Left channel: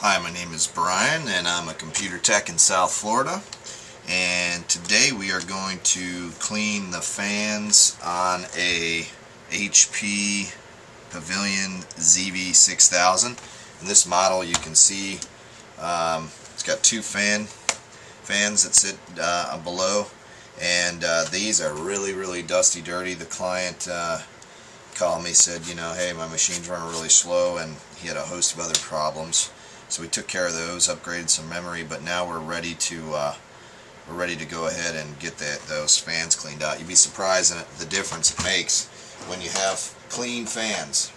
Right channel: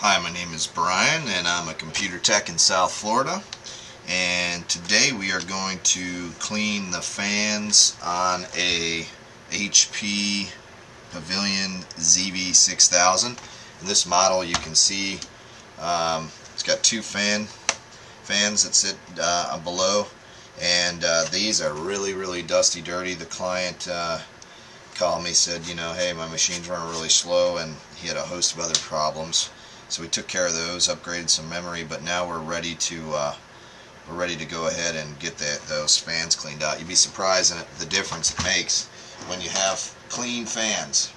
Hi, my name is Brian and I'm a computer tech in South Florida, and today we are going to clean the fans on a HP Pavilion zv6000. In this model you can see it's got two fans that sit below, and these are really dusty, dirty. The client called me, said, hey, my machine's running really slow, and he had a host of other problems. So we took care of those, upgraded some memory, but now we're ready to go ahead and get those fans cleaned out. You'd be surprised at the difference it makes when you have clean fans.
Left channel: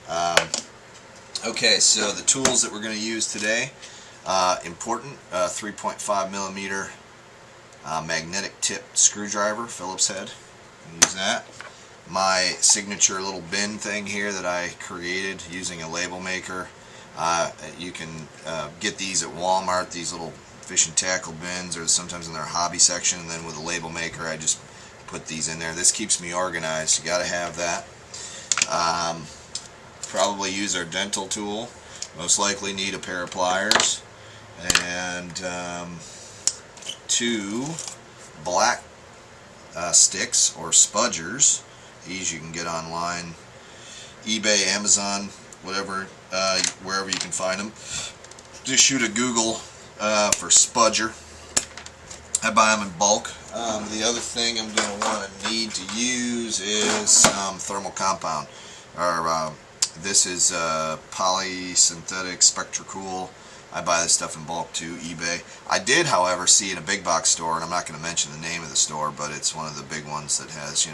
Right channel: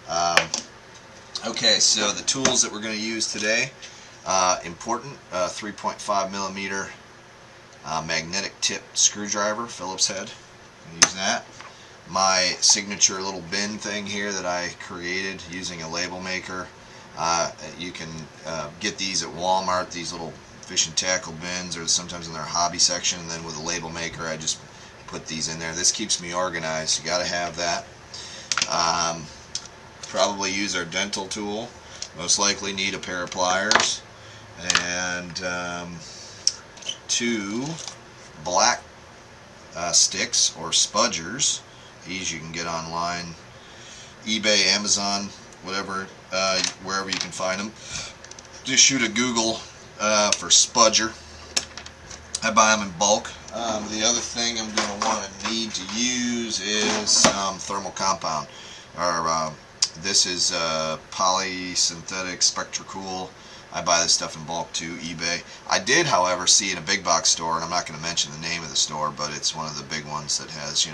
Okay, so the tools that we're going to use today, important, 3.5 millimeter magnetic tip screwdriver, Phillips head. Use that. My signature little bin thing here that I created using a label maker. You can get these at Walmart, these little fish and tackle bins, or sometimes in their hobby section, and then with a label maker I just put these in there. This keeps me organized. You gotta have that. Probably use our dental tool. Most likely need a pair of pliers and two black sticks or spudgers. These you can get online, eBay, Amazon, whatever, wherever you can find them. Just shoot a Google for spudger. I buy them in bulk. The other thing I'm going to need to use is some thermal compound. This is polysynthetic Spectracool. I buy this stuff in bulk too, eBay. I did, however, see in a big box store, and I'm not going to mention the name of the store, but it's one of the big ones that has,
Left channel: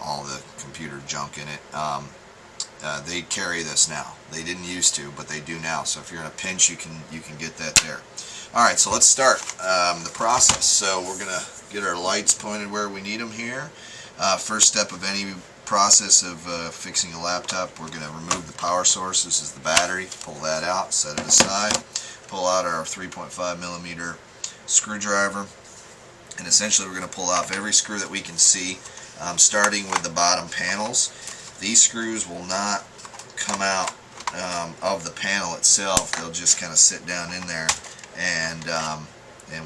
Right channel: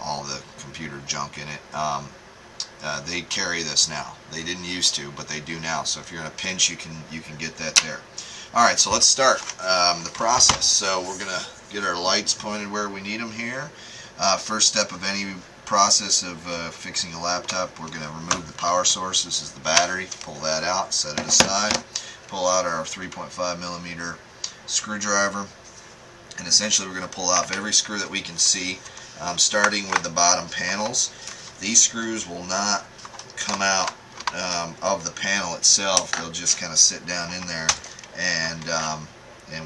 all the computer junk in it. They carry this now. They didn't used to, but they do now. So if you're in a pinch, you can get that there. All right, so let's start the process. So we're gonna get our lights pointed where we need them here. First step of any process of fixing a laptop, we're gonna remove the power source. This is the battery. Pull that out, set it aside. Pull out our 3.5 millimeter screwdriver, and essentially we're gonna pull off every screw that we can see, starting with the bottom panels. These screws will not come out of the panel itself. They'll just kind of sit down in there, and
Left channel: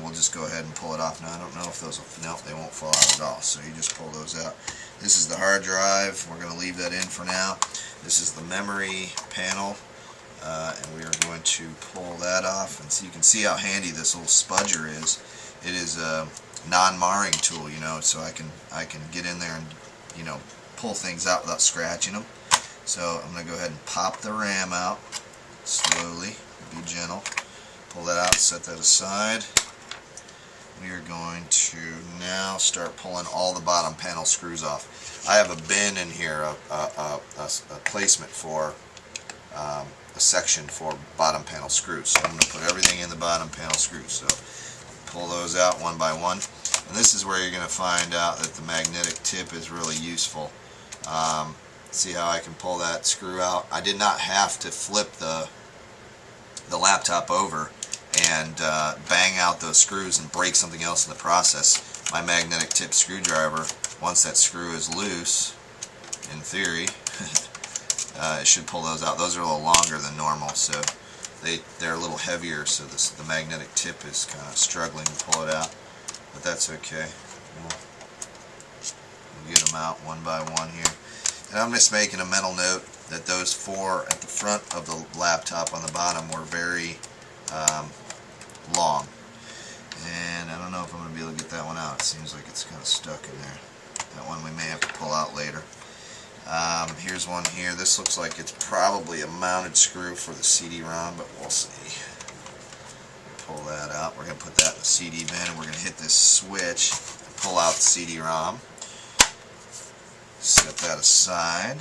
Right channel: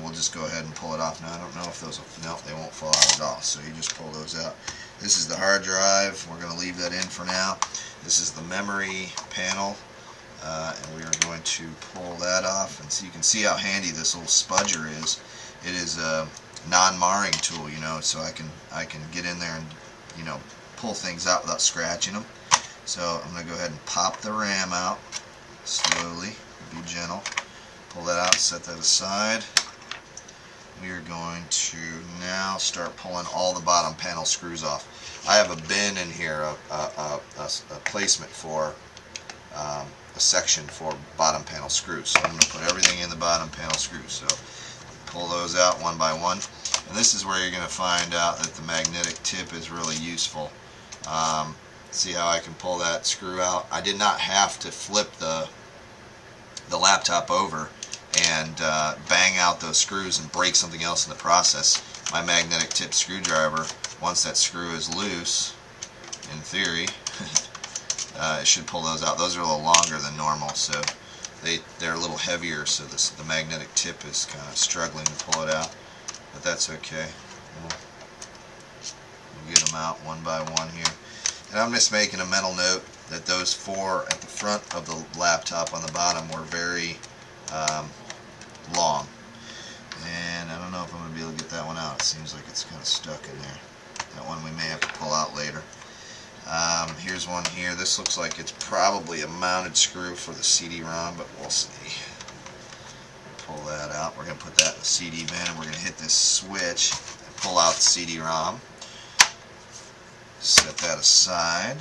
we'll just go ahead and pull it off. Now I don't know if those will, no, they won't fall out at all. So you just pull those out. This is the hard drive. We're going to leave that in for now. This is the memory panel, and we are going to pull that off. And so you can see how handy this little spudger is. It is a non-marring tool, so I can get in there and pull things out without scratching them. So I'm going to go ahead and pop the RAM out slowly, be gentle. Pull that out, set that aside. We are going to now start pulling all the bottom panel screws off. I have a bin in here, a placement for a section for bottom panel screws. So I'm going to put everything in the bottom panel screws. So pull those out one by one. And this is where you're going to find out that the magnetic tip is really useful. See how I can pull that screw out? I did not have to flip the laptop over and bang out those screws and break something else in the process. My magnetic tip screwdriver, once that screw is loose, in theory, it should pull those out. Those are a little longer than normal, so they're a little heavier, so the magnetic tip is kind of struggling to pull it out, but that's okay. We'll get them out one by one here. And I'm just making a mental note that those four at the front of the laptop on the bottom were very long. And I don't know if I'm going to be able to get that one out. It seems like it's kind of stuck in there. That one we may have to pull out later. Here's one here. This looks like it's probably a mounted screw for the CD-ROM, but we'll see. Pull that out. We're going to put that in the CD bin, and we're going to hit this switch and pull out the CD-ROM. Set that aside,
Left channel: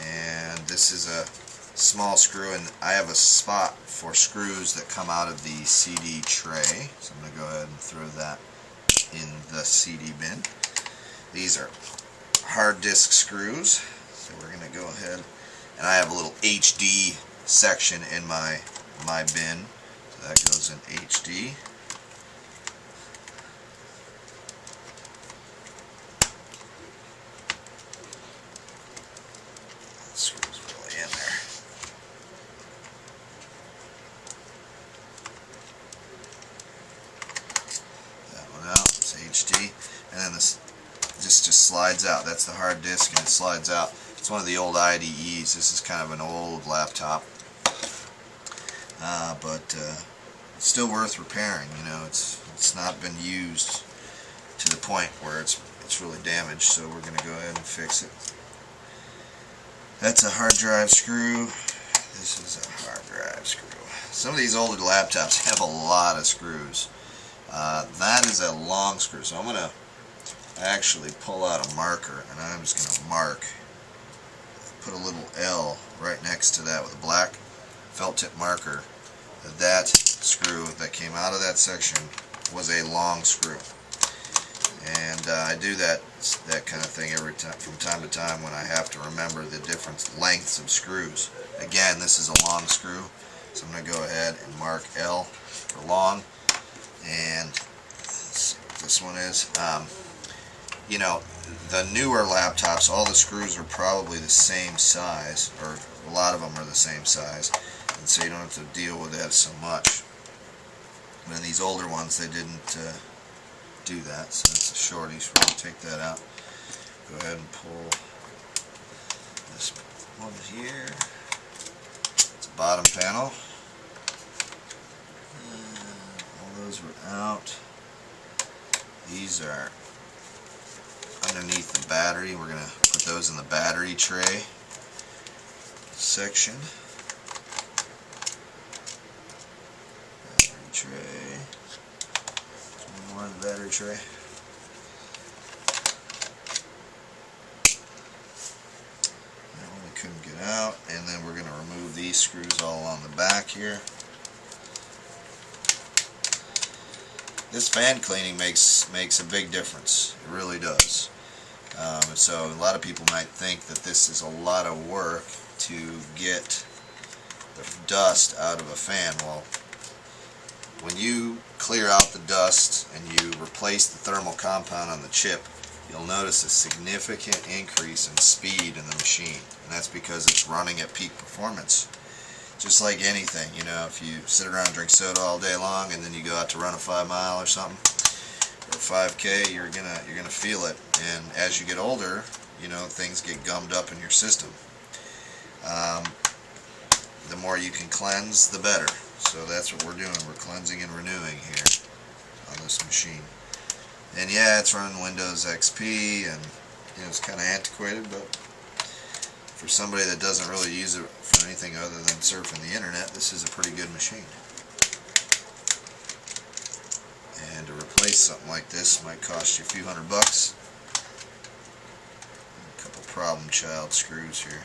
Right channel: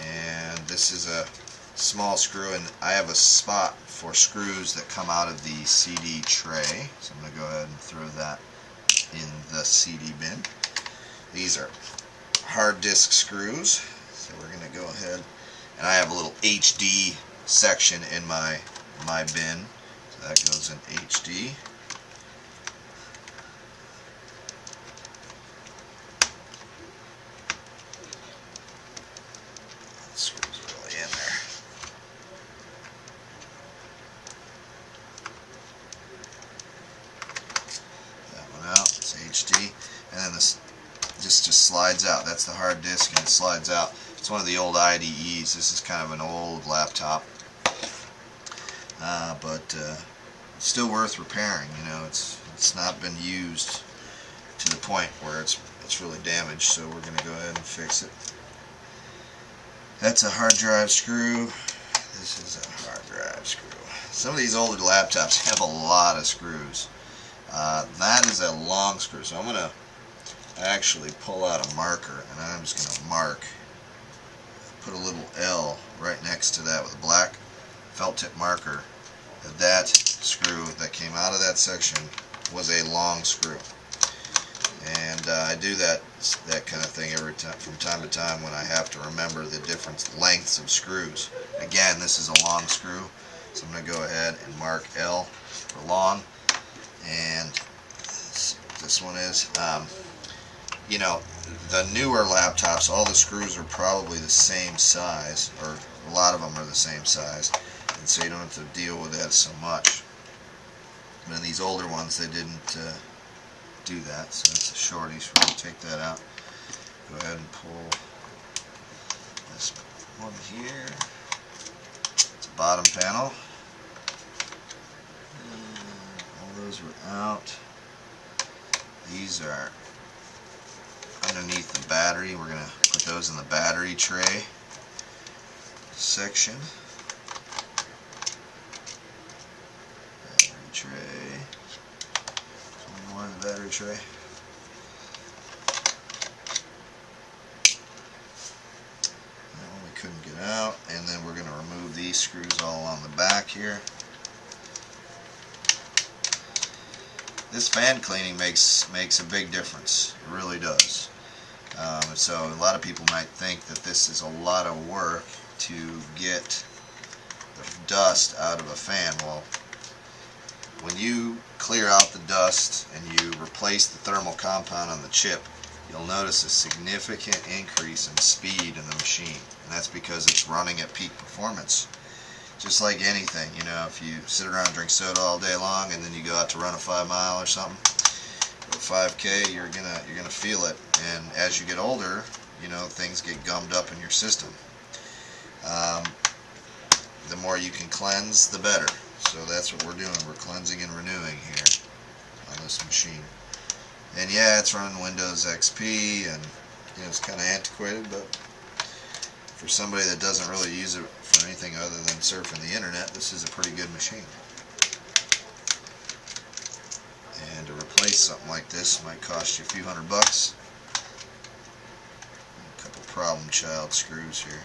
and this is a small screw, and I have a spot for screws that come out of the CD tray, so I'm going to go ahead and throw that in the CD bin. These are hard disk screws, so we're going to go ahead, and I have a little HD section in my bin, so that goes in HD. Screws really in there. HD, and then this just slides out. That's the hard disk, and it slides out. It's one of the old IDEs. This is kind of an old laptop, but it's still worth repairing. You know, it's not been used to the point where it's really damaged, so we're going to go ahead and fix it. That's a hard drive screw. This is a hard drive screw. Some of these older laptops have a lot of screws. That is a long screw, so I'm going to actually pull out a marker, and I'm just going to mark, put a little L right next to that with a black felt tip marker. That screw that came out of that section was a long screw. And I do that kind of thing every time, from time to time, when I have to remember the different lengths of screws. Again, this is a long screw, so I'm going to go ahead and mark L for long. And let's see what this one is. You know, the newer laptops, all the screws are probably the same size, or a lot of them are the same size, and so you don't have to deal with that so much. And then these older ones, they didn't do that, so it's a shorty, so we're going to take that out. Go ahead and pull this one here. It's a bottom panel. All those were out. These are underneath the battery. We're going to put those in the battery tray section. Battery tray. One more in the battery tray. That one we couldn't get out. And then we're going to remove these screws all along the back here. This fan cleaning makes a big difference. It really does. So a lot of people might think that this is a lot of work to get the dust out of a fan. Well, when you clear out the dust and you replace the thermal compound on the chip, you'll notice a significant increase in speed in the machine, and that's because it's running at peak performance. Just like anything, you know, if you sit around and drink soda all day long and then you go out to run a 5 mile or something, or 5K, you're gonna feel it. And as you get older, you know, things get gummed up in your system. The more you can cleanse, the better. So that's what we're doing. We're cleansing and renewing here on this machine. And yeah, it's running Windows XP, and you know, it's kind of antiquated, but for somebody that doesn't really use it for anything other than surfing the internet, this is a pretty good machine. And to replace something like this might cost you a few $100. A couple problem child screws here.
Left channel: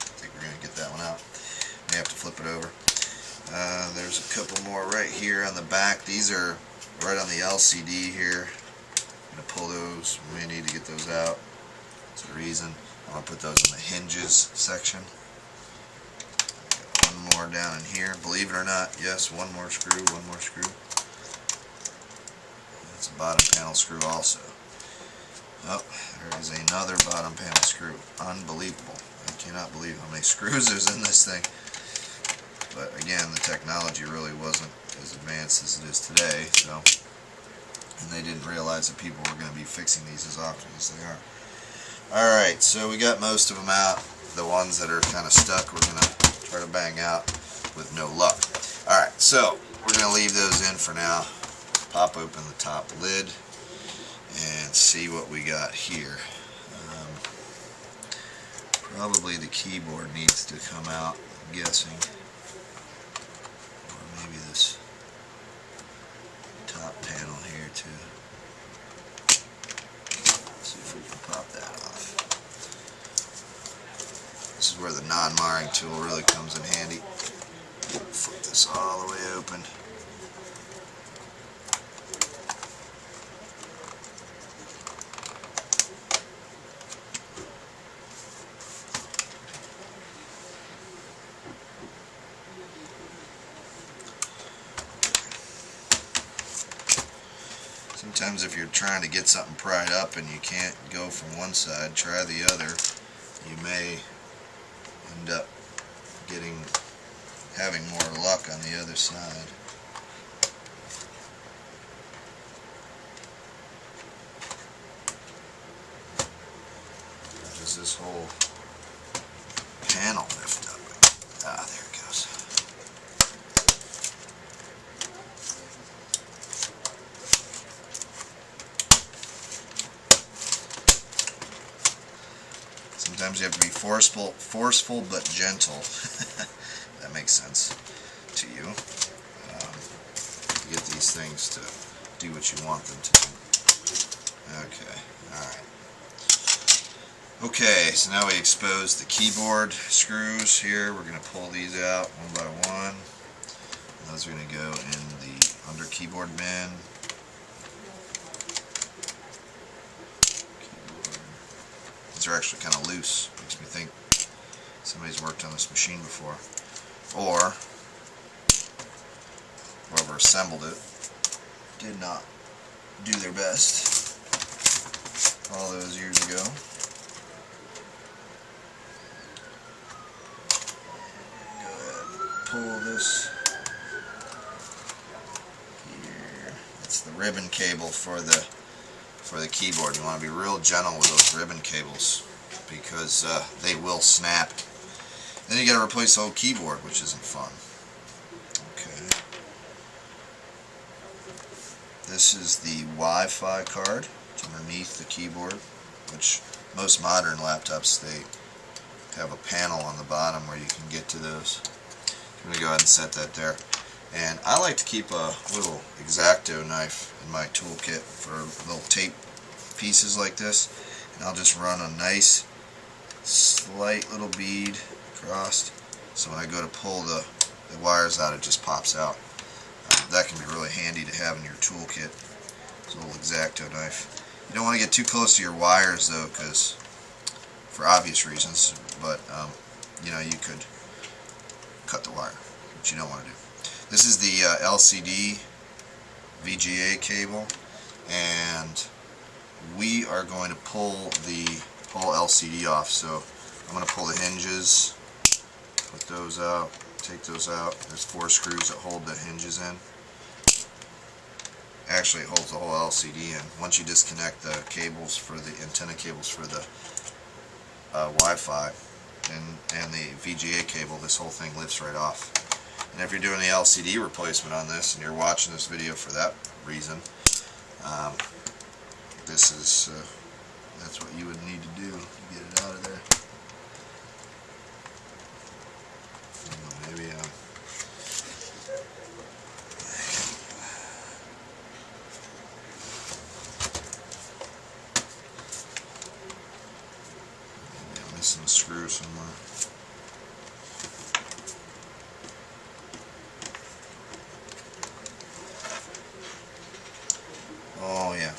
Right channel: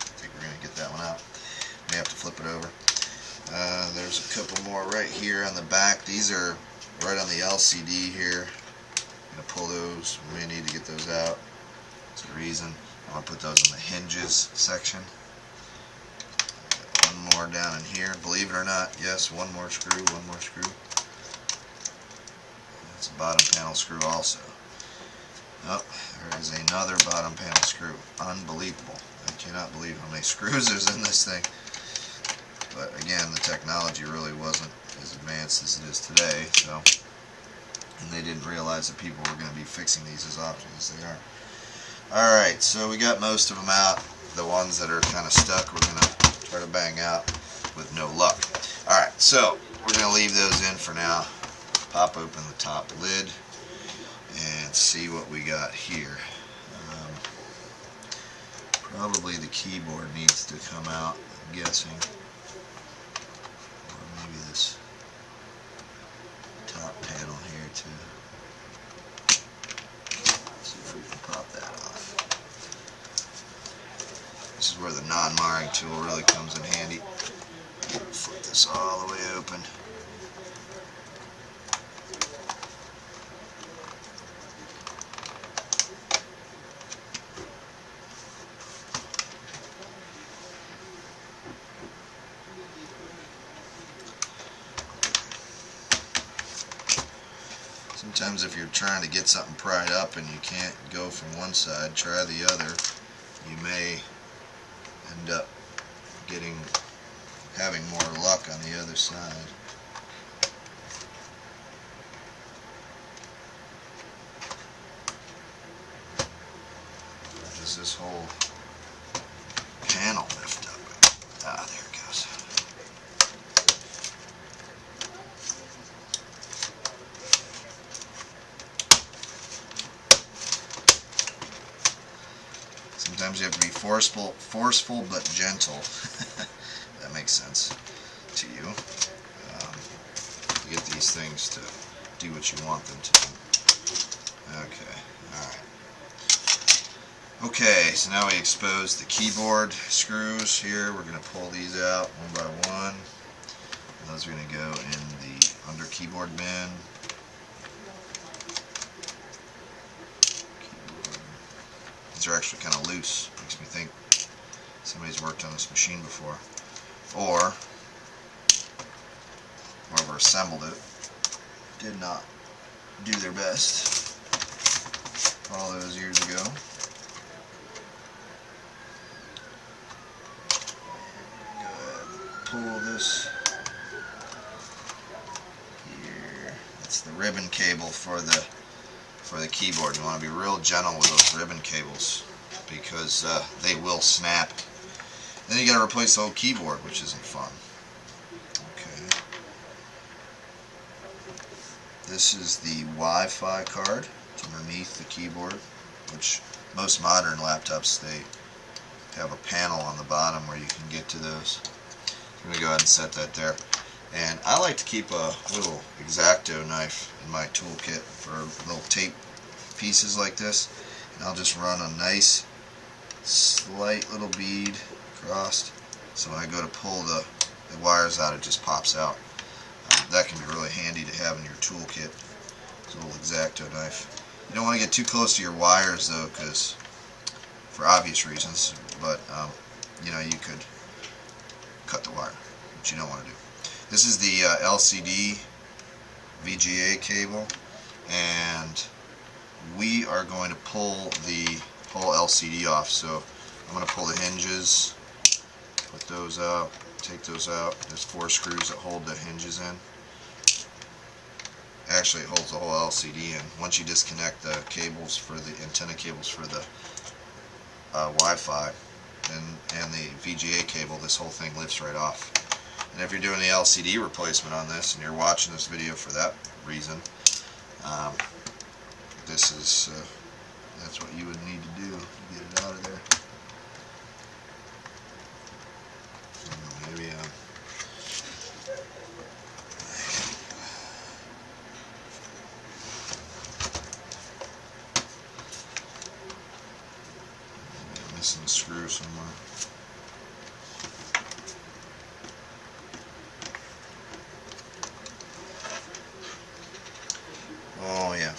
I think we're going to get that one out. We have to flip it over. There's a couple more right here on the back. These are right on the LCD here. I'm going to pull those. We may need to get those out. That's the reason. I'm going to put those in the hinges section. One more down in here. Believe it or not, yes, one more screw, one more screw. That's a bottom panel screw also. Oh, there is another bottom panel screw. Unbelievable. I cannot believe how many screws there's in this thing. But again, the technology really wasn't as advanced as it is today, so, and they didn't realize that people were going to be fixing these as often as they are. Alright, so we got most of them out. The ones that are kind of stuck, we're going to try to bang out with no luck. Alright, so we're going to leave those in for now. Pop open the top lid and see what we got here. Probably the keyboard needs to come out, I'm guessing. Or maybe this top panel here too. Let's see if we can pop that off. This is where the non-marring tool really comes in handy. Flip this all the way open. Sometimes if you're trying to get something pried up and you can't go from one side, try the other. You may end up having more luck on the other side. does this whole panel lift up? Ah, there it goes. Sometimes you have to be forceful but gentle. That makes sense to you. To get these things to do what you want them to do. Okay, alright. Okay, so now we expose the keyboard screws here. We're going to pull these out one by one. Those are going to go in the under keyboard bin. These are actually kind of loose. Makes me think somebody's worked on this machine before. Or whoever assembled it did not do their best all those years ago. Go ahead and pull this here. That's the ribbon cable for the keyboard. You want to be real gentle with those ribbon cables because they will snap. Then you got to replace the whole keyboard, which isn't fun. Okay. This is the Wi-Fi card. It's underneath the keyboard, which most modern laptops, they have a panel on the bottom where you can get to those. I'm going to go ahead and set that there. And I like to keep a little X-Acto knife in my toolkit for little tape pieces like this. And I'll just run a nice slight little bead across, so when I go to pull the wires out, it just pops out. That can be really handy to have in your toolkit. It's a little X-Acto knife. You don't want to get too close to your wires though, because for obvious reasons, but you know, you could cut the wire, which you don't want to do. This is the LCD VGA cable, and we are going to pull the whole LCD off. So I'm going to pull the hinges, put those out, take those out. There's 4 screws that hold the hinges in. Actually, it holds the whole LCD in. Once you disconnect the cables for the antenna cables for the Wi-Fi and the VGA cable, this whole thing lifts right off. And if you're doing the LCD replacement on this, and you're watching this video for that reason, this is that's what you would need to do to get it out of there. Maybe I'm missing a screw somewhere. Oh yeah.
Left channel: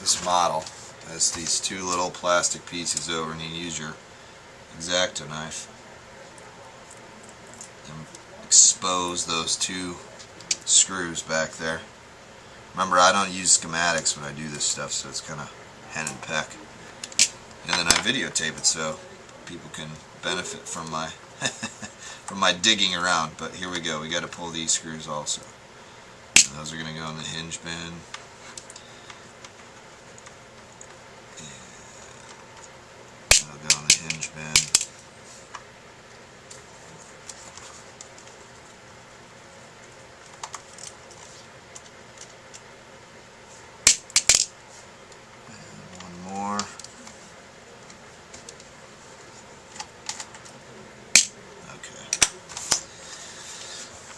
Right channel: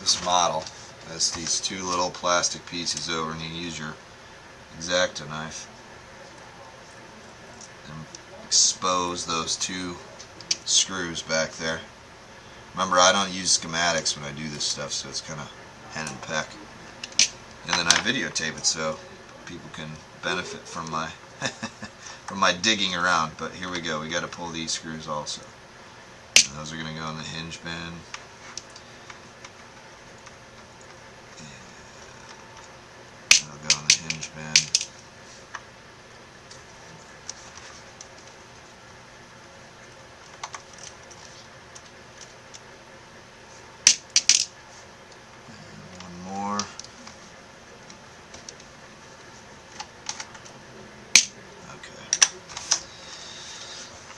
This model has these 2 little plastic pieces over, and you use your X-Acto knife and expose those 2 screws back there. Remember, I don't use schematics when I do this stuff, so it's kind of hen and peck. And then I videotape it so people can benefit from my from my digging around. But here we go. We got to pull these screws also. And those are going to go in the hinge bin. That'll go in the hinge bin.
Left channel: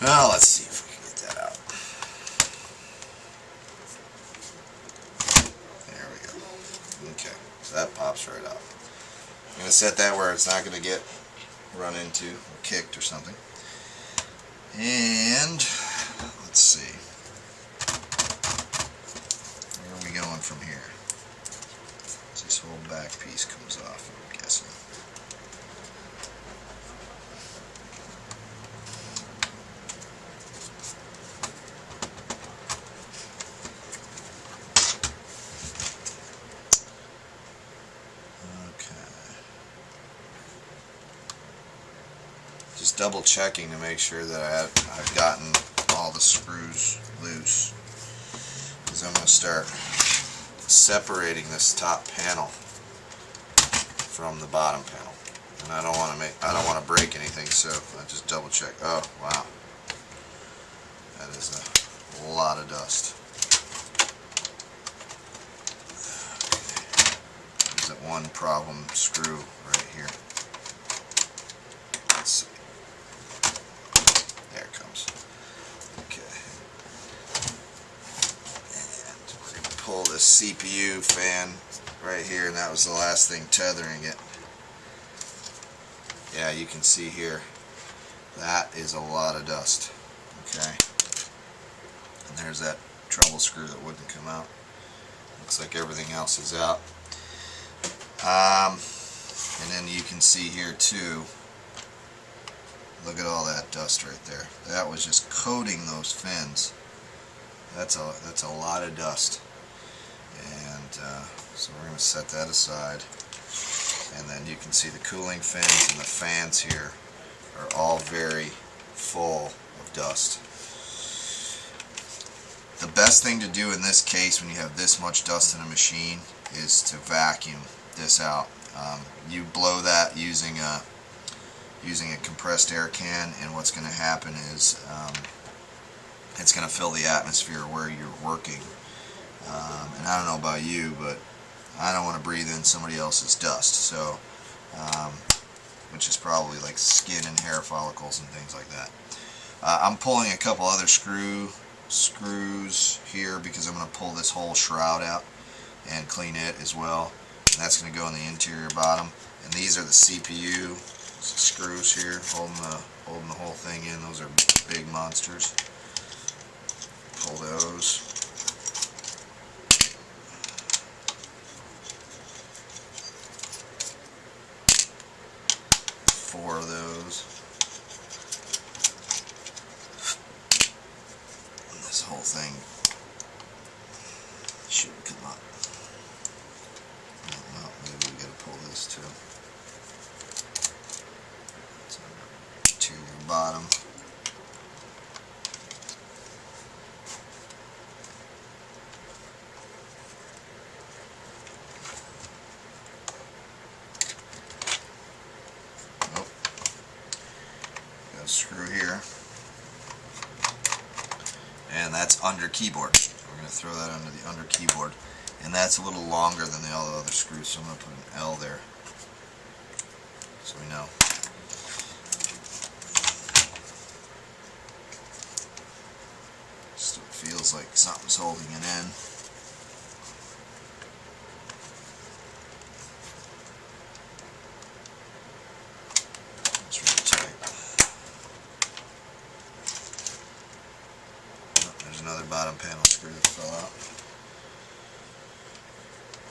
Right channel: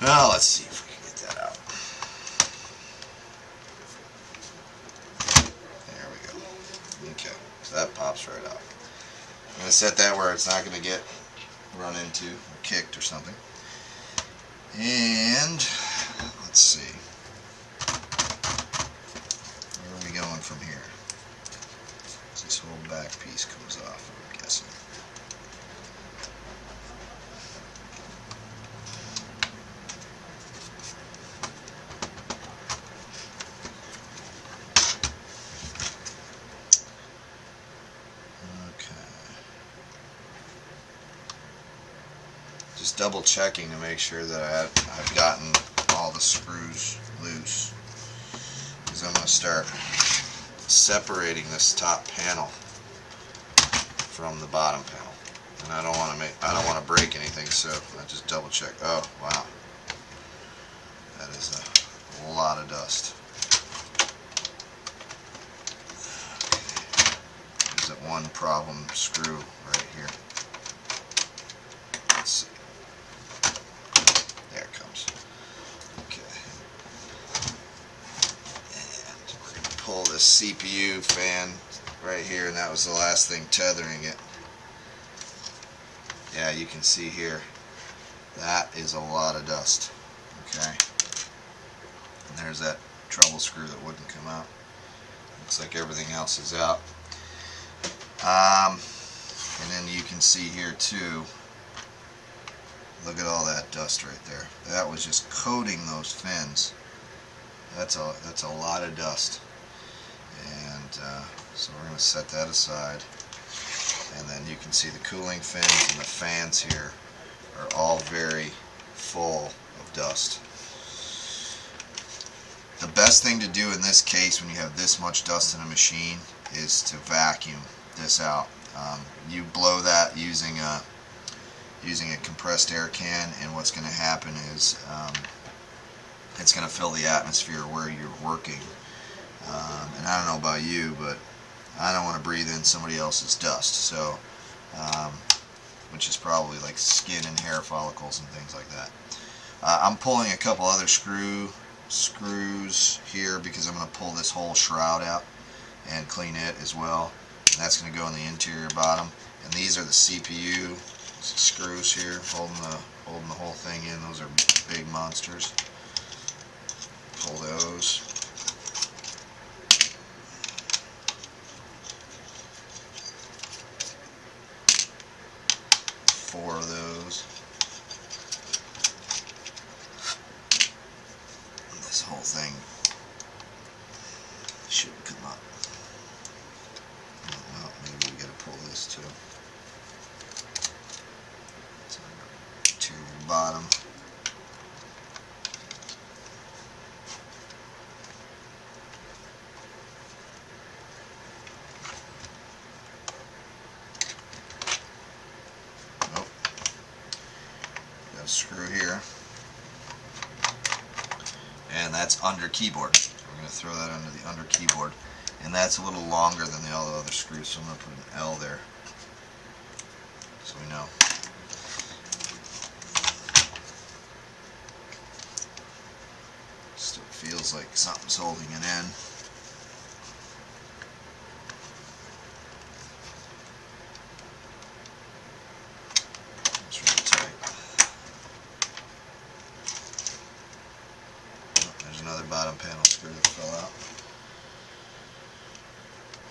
Well, let's see if we can get that out. There we go. Okay, so that pops right out. I'm going to set that where it's not going to get run into or kicked or something. And let's see. Where are we going from here? This whole back piece comes off, I'm guessing. Just double checking to make sure that I've gotten all the screws loose, because I'm going to start separating this top panel from the bottom panel, and I don't want to break anything, so I just double check. Oh wow, that is a lot of dust. There's that one problem screw right here. Let's see. There it comes. Okay. And we're going to pull this CPU fan right here, and that was the last thing tethering it. Yeah, you can see here, that is a lot of dust. Okay. And there's that treble screw that wouldn't come out. Looks like everything else is out. And then you can see here too, look at all that dust right there. That was just coating those fins. That's a lot of dust. And so we're going to set that aside. And then you can see the cooling fins and the fans here are all very full of dust. The best thing to do in this case when you have this much dust in a machine is to vacuum this out. You blow that using a compressed air can, and what's going to happen is it's going to fill the atmosphere where you're working. And I don't know about you, but I don't want to breathe in somebody else's dust, so which is probably like skin and hair follicles and things like that. I'm pulling a couple other screws here because I'm going to pull this whole shroud out and clean it as well. And that's going to go in the interior bottom. And these are the CPU screws here holding the whole thing in. Those are big monsters. Pull those. Four of those. And this whole thing should come up. Well, maybe we gotta pull this too. It's on the interior bottom. Nope. Got a screw here. And that's under keyboard. We're going to throw that under the under keyboard. And that's a little longer than all the other screws, so I'm going to put an L there so we know. Still feels like something's holding it in. It's really tight. Oh, there's another bottom panel screw that fell out.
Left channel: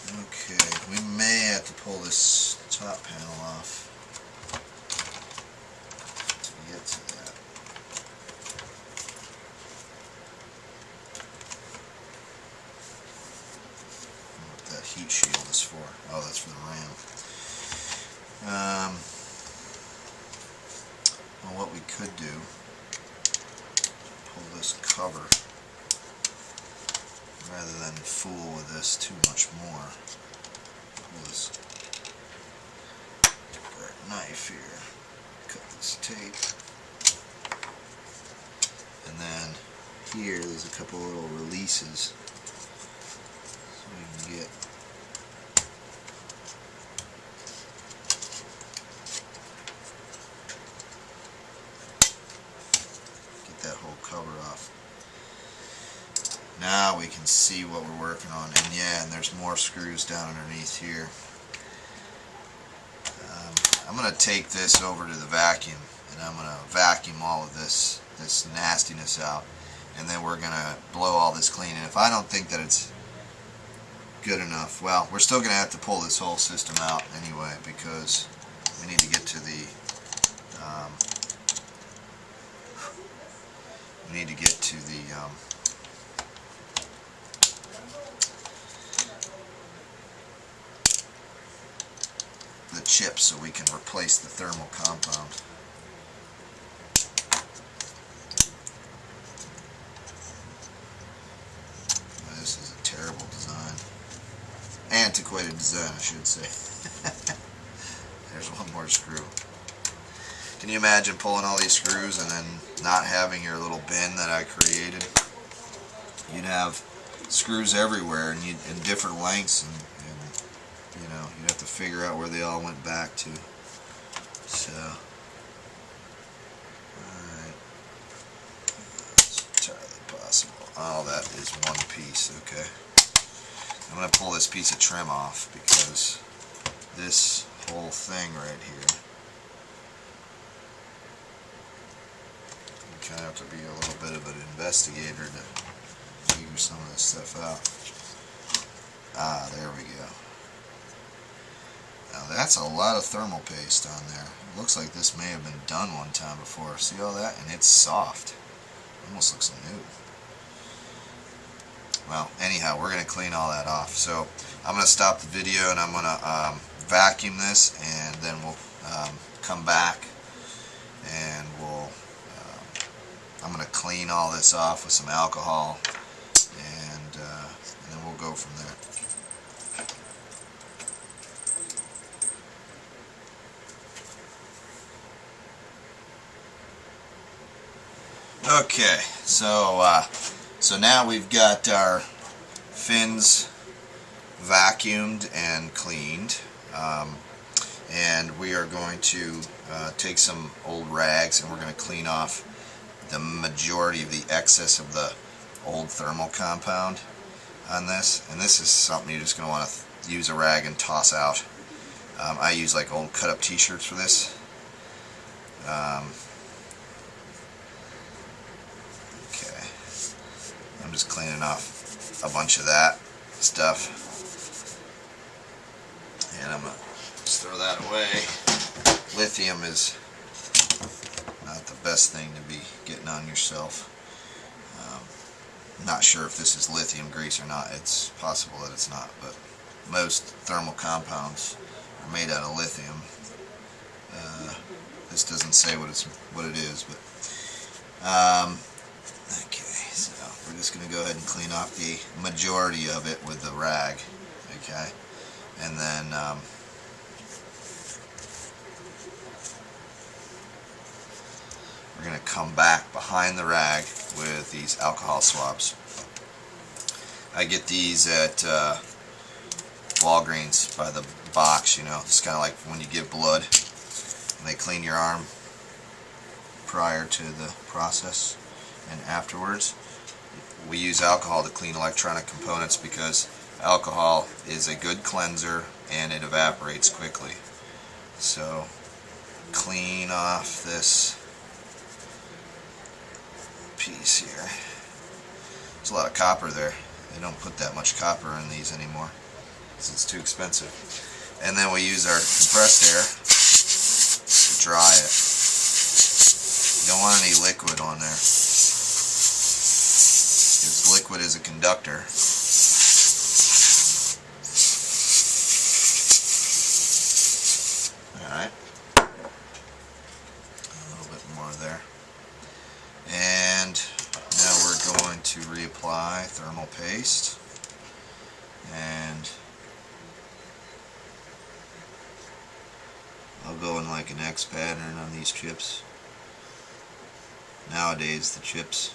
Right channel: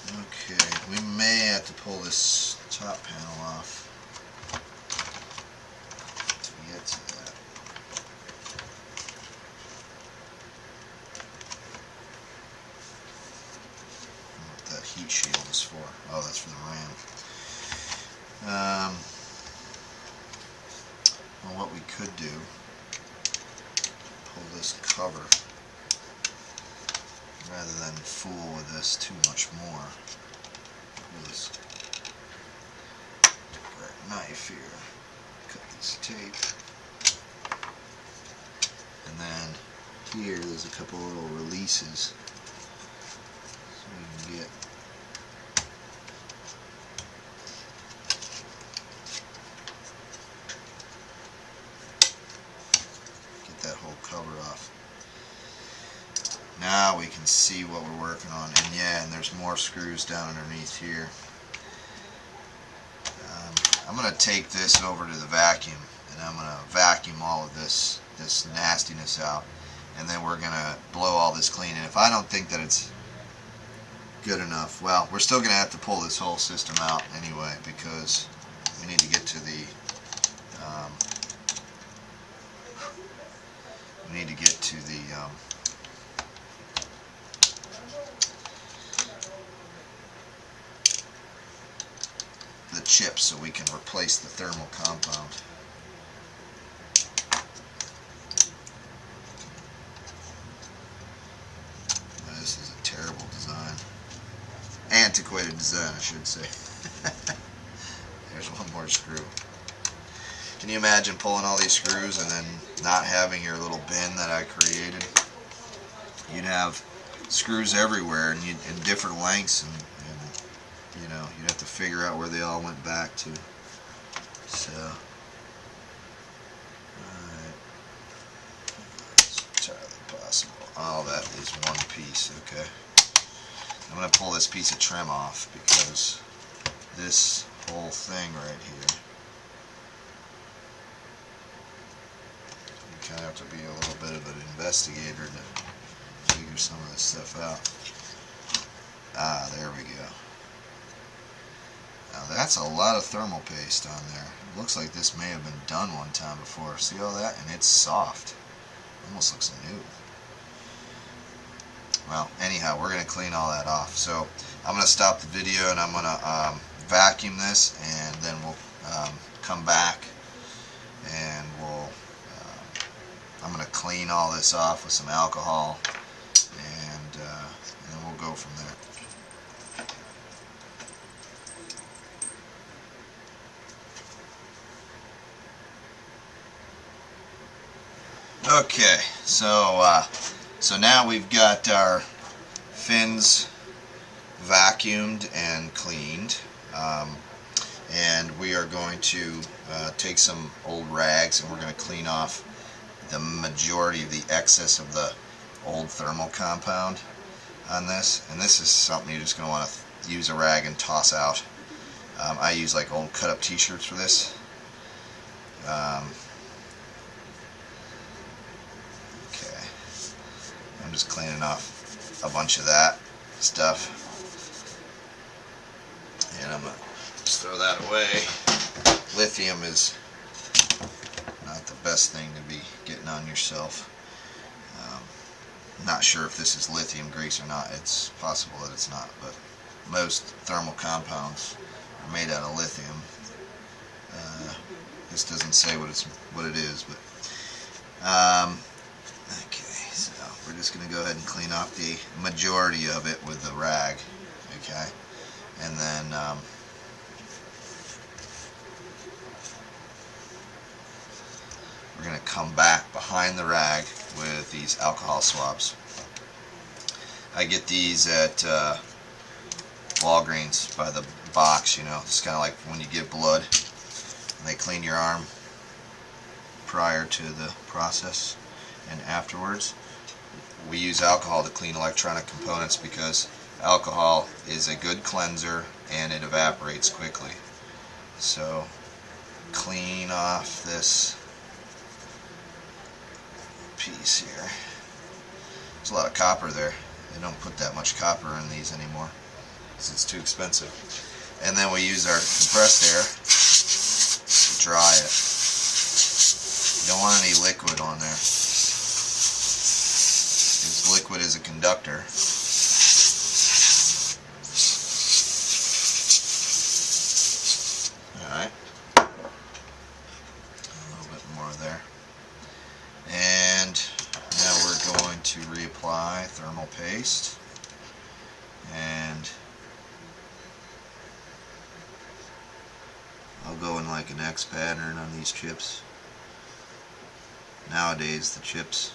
Okay, we may have to pull this top panel off to get to that. What that heat shield is for. Oh, that's for the RAM. Well, what we could do, pull this cover. Rather than fool with this too much more, pull this knife here, cut this tape, and then here there's a couple little releases so we can get that whole cover off. Now we can see what we're working on, and yeah, and there's more screws down underneath here. I'm going to take this over to the vacuum, and I'm going to vacuum all of this nastiness out, and then we're going to blow all this clean. And if I don't think that it's good enough, well, we're still going to have to pull this whole system out anyway, because we need to get to the chips so we can replace the thermal compound. This is a terrible design. antiquated design, I should say. There's one more screw. Can you imagine pulling all these screws and then not having your little bin that I created? You'd have screws everywhere and in different lengths, and you know, you'd have to figure out where they all went back to. So, alright, it's entirely possible. All that is one piece, okay. I'm going to pull this piece of trim off because this whole thing right here, you kind of have to be a little bit of an investigator to figure some of this stuff out. Ah, there we go. Now that's a lot of thermal paste on there. It looks like this may have been done one time before. See all that? And it's soft. Almost looks new. Well, anyhow, we're going to clean all that off. So I'm going to stop the video and I'm going to vacuum this, and then we'll come back and I'm going to clean all this off with some alcohol, and then we'll go from there. Okay, so now we've got our fins vacuumed and cleaned, and we are going to take some old rags and we're going to clean off the majority of the excess of the old thermal compound on this. And this is something you're just going to want to use a rag and toss out. I use like old cut up t-shirts for this. Okay, I'm just cleaning off a bunch of that stuff, and I'm going to just throw that away. Lithium is not the best thing to be getting on yourself. Not sure if this is lithium grease or not. It's possible that it's not, but most thermal compounds are made out of lithium. This doesn't say what it is, but okay, so we're just going to go ahead and clean off the majority of it with the rag, okay, and then we're going to come back behind the rag with these alcohol swabs. I get these at Walgreens by the box, you know. It's kind of like when you give blood and they clean your arm prior to the process and afterwards. We use alcohol to clean electronic components because alcohol is a good cleanser and it evaporates quickly. So clean off this piece here. There's a lot of copper there. They don't put that much copper in these anymore because it's too expensive. And then we use our compressed air to dry it. You don't want any liquid on there, because liquid is a conductor. Alright, a little bit more there. And now we're going to reapply thermal paste, and I'll go in like an X pattern on these chips. Nowadays the chips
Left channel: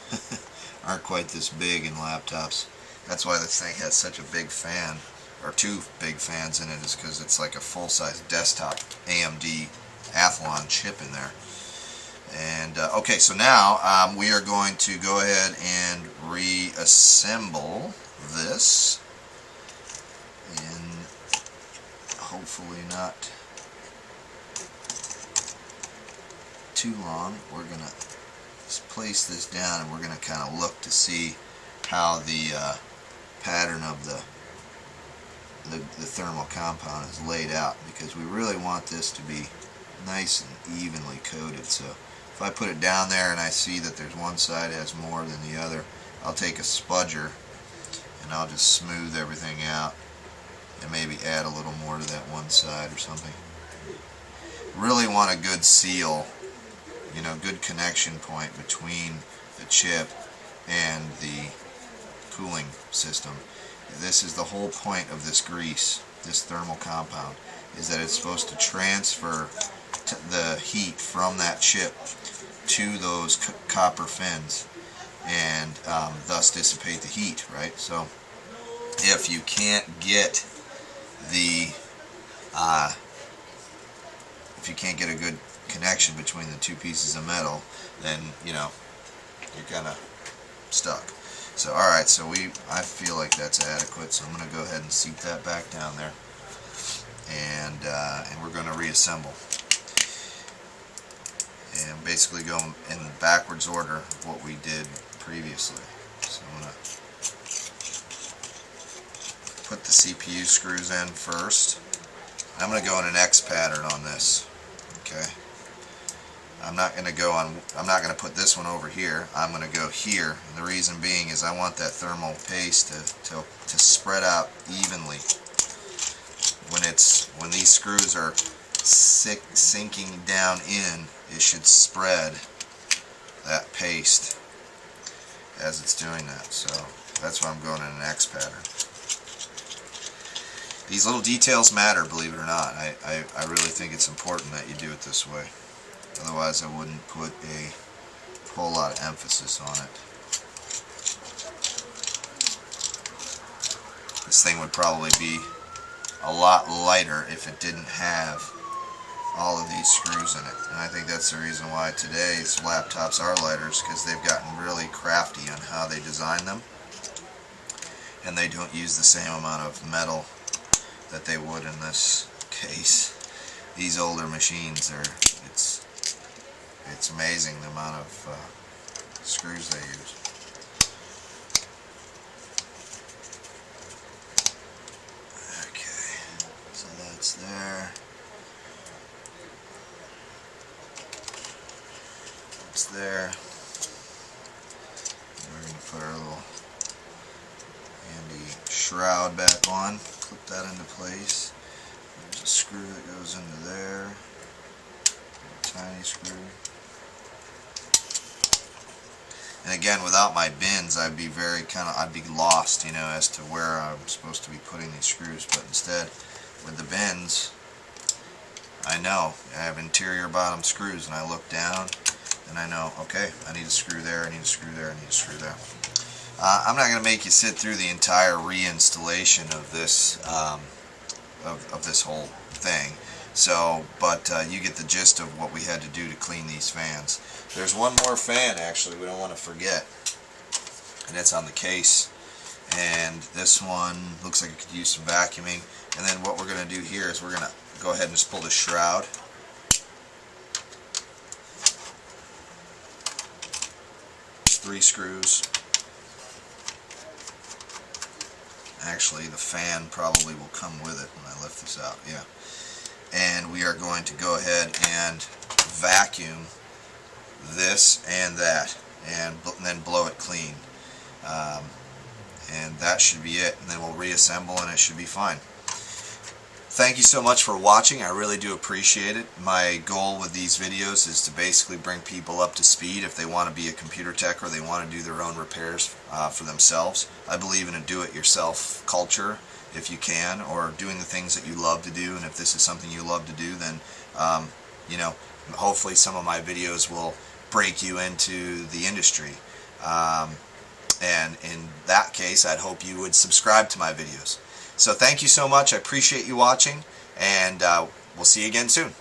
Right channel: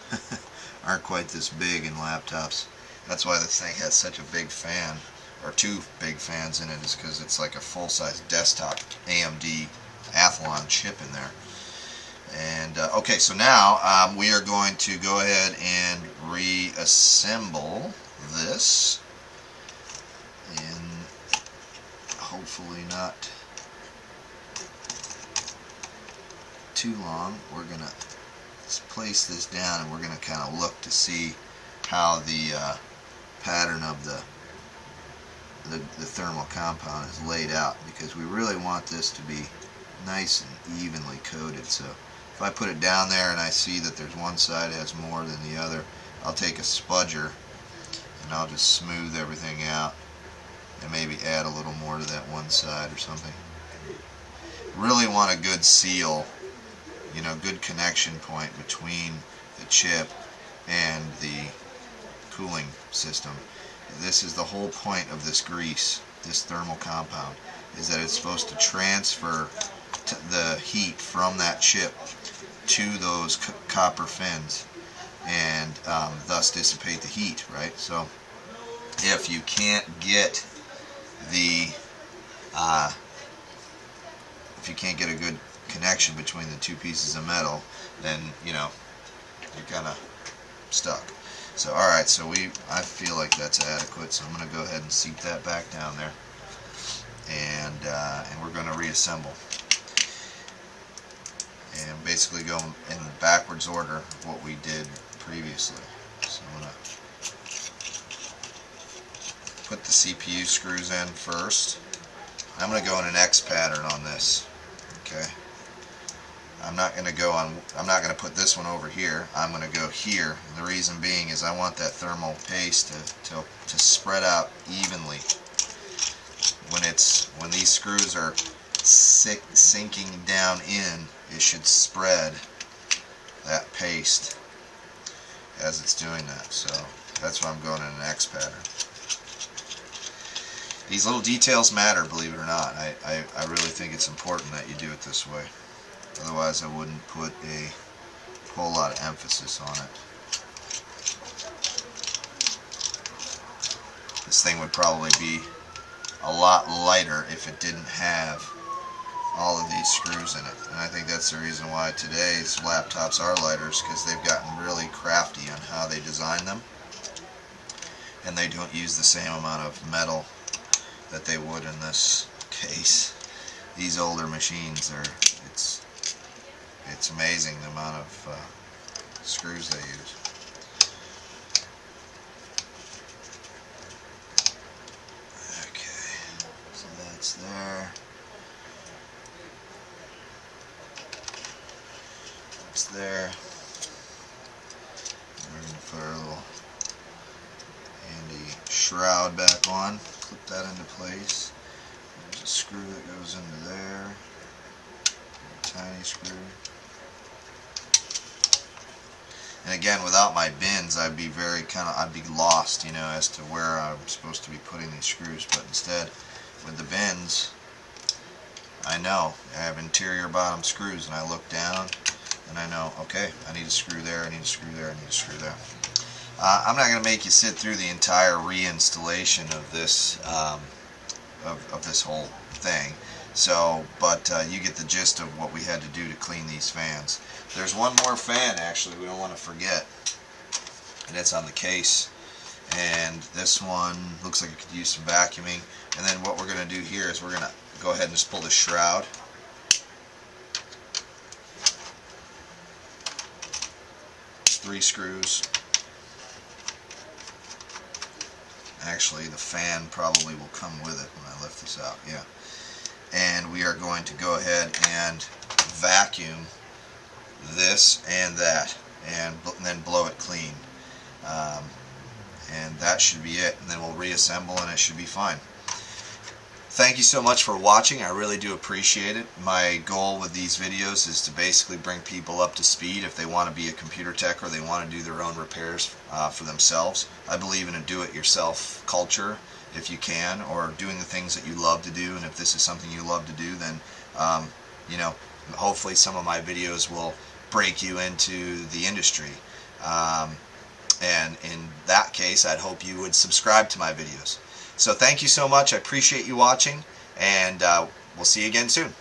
aren't quite this big in laptops. That's why this thing has such a big fan, or two big fans in it, is because it's like a full-size desktop AMD Athlon chip in there. And okay, so now we are going to go ahead and reassemble this, and hopefully not too long. We're going to place this down and we're going to kind of look to see how the pattern of the thermal compound is laid out, because we really want this to be nice and evenly coated. So if I put it down there and I see that there's one side has more than the other, I'll take a spudger and I'll just smooth everything out and maybe add a little more to that one side or something. Really want a good seal, you know, good connection point between the chip and the cooling system. This is the whole point of this grease, this thermal compound, is that it's supposed to transfer the heat from that chip to those copper fins, and thus dissipate the heat, right? So if you can't get the if you can't get a good connection between the two pieces of metal, then you're kind of stuck. So alright, so I feel like that's adequate, so I'm going to go ahead and seat that back down there, and we're going to reassemble and basically go in the backwards order of what we did previously. So I'm going to put the CPU screws in first. I'm going to go in an X pattern on this. Okay. I'm not going to put this one over here. I'm going to go here. And the reason being is I want that thermal paste to spread out evenly. When these screws are sinking down in, it should spread that paste as it's doing that. So that's why I'm going in an X pattern. These little details matter, believe it or not. I really think it's important that you do it this way. Otherwise, I wouldn't put a whole lot of emphasis on it. This thing would probably be a lot lighter if it didn't have all of these screws in it. And I think that's the reason why today's laptops are lighter, because they've gotten really crafty on how they design them. And they don't use the same amount of metal that they would in this case. These older machines it's amazing the amount of screws they use. Okay, so that's there. That's there. And we're going to put our little handy shroud back on. Clip that into place. There's a screw that goes into there. A tiny screw. And again, without my bins, I'd be lost, as to where I'm supposed to be putting these screws. But instead, with the bins, I know I have interior bottom screws, and I look down, and I know, okay, I need a screw there, I need a screw there, I need a screw there. I'm not going to make you sit through the entire reinstallation of this of this whole thing. So, but you get the gist of what we had to do to clean these fans. There's one more fan, actually, we don't want to forget, and it's on the case. And this one looks like it could use some vacuuming. And then what we're going to do here is we're going to go ahead and just pull the shroud. It's 3 screws. Actually, the fan probably will come with it when I lift this out. Yeah. And we are going to go ahead and vacuum this and that, and then blow it clean. And that should be it. And then we'll reassemble, and it should be fine. Thank you so much for watching. I really do appreciate it. My goal with these videos is to basically bring people up to speed if they want to be a computer tech or they want to do their own repairs for themselves. I believe in a do-it-yourself culture if you can, or doing the things that you love to do. And if this is something you love to do, then hopefully some of my videos will break you into the industry. And in that case, I'd hope you would subscribe to my videos. So thank you so much. I appreciate you watching, and we'll see you again soon.